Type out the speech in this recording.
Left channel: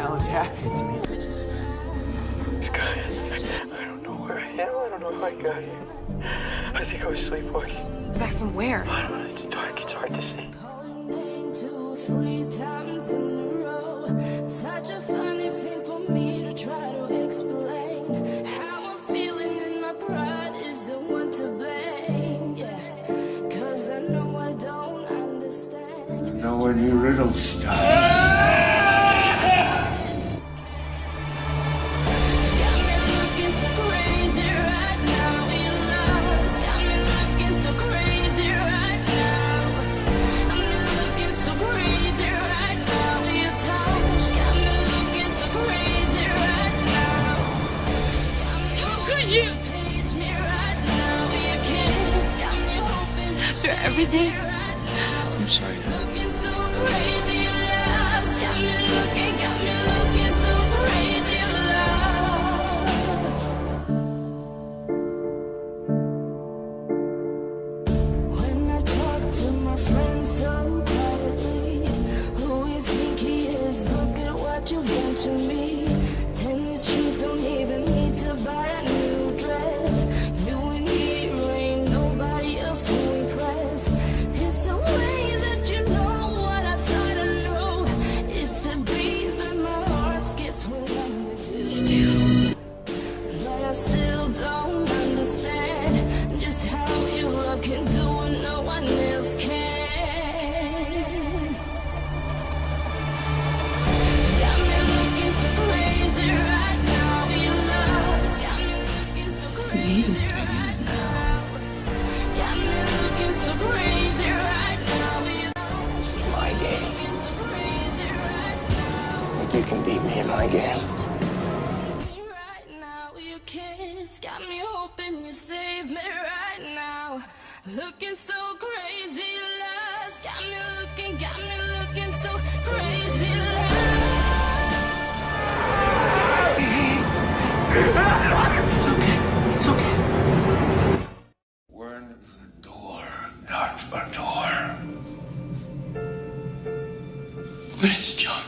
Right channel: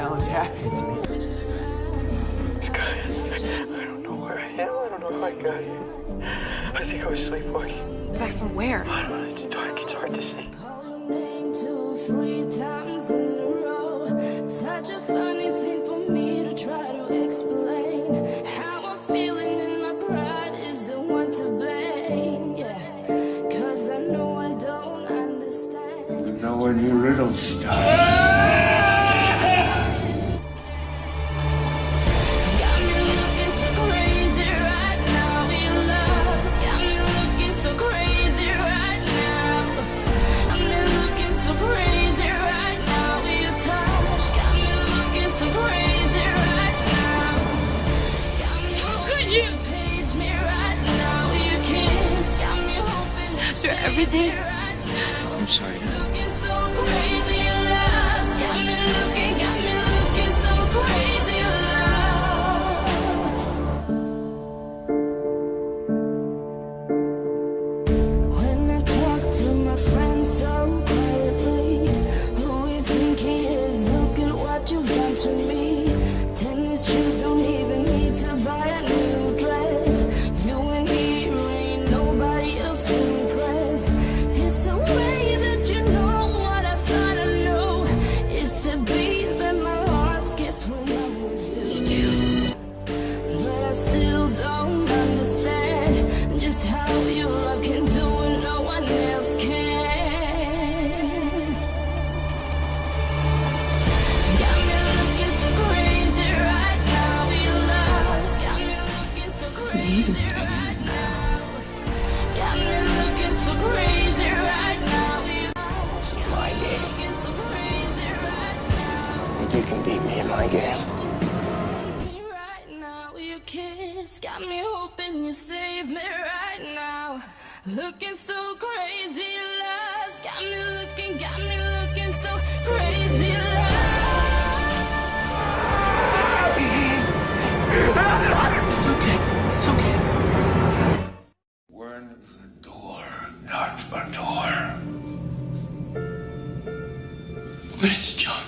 challenge happens, man. I don't know where I am. I don't know how I got here. I think I was sleepwalking. Back from where? I don't know. It's dark. It's hard to see. Call your name 2-3 times in a row. Such a funny thing for me to try to explain. How I'm feeling in my pride is the one to blame. Yeah, 'cause I know I don't understand. You know when your riddle starts. Got me looking so crazy right now. Your love's got me looking so crazy right now. I'm looking so crazy right now. Your touch got me looking so crazy right now. How could you page me right now? Your kiss got me hoping After everything, right now. I'm sorry, Dad. Looking so crazy, your love's got me looking so crazy, your love. When I talk to my friends so quietly, who you think he is? Look at what you've done to me. Tennis shoes don't even need to buy a new dress. You and he ain't nobody else to impress. It's the way that you know what I thought I know. It's the beat that my heart skips when I'm with you. you do. But I still don't understand just how your love can do what no one else can. Got me looking so crazy right now. Your love's got me looking so crazy right now. Got me looking so crazy right now. Your love's got My me game. looking so crazy right now. Think you can beat me in my game? Me right now, your kiss got me hoping you save me right now. Looking so crazy, love's got me looking so crazy, It's okay. It's okay. Word is a door, not a door. What is it, John?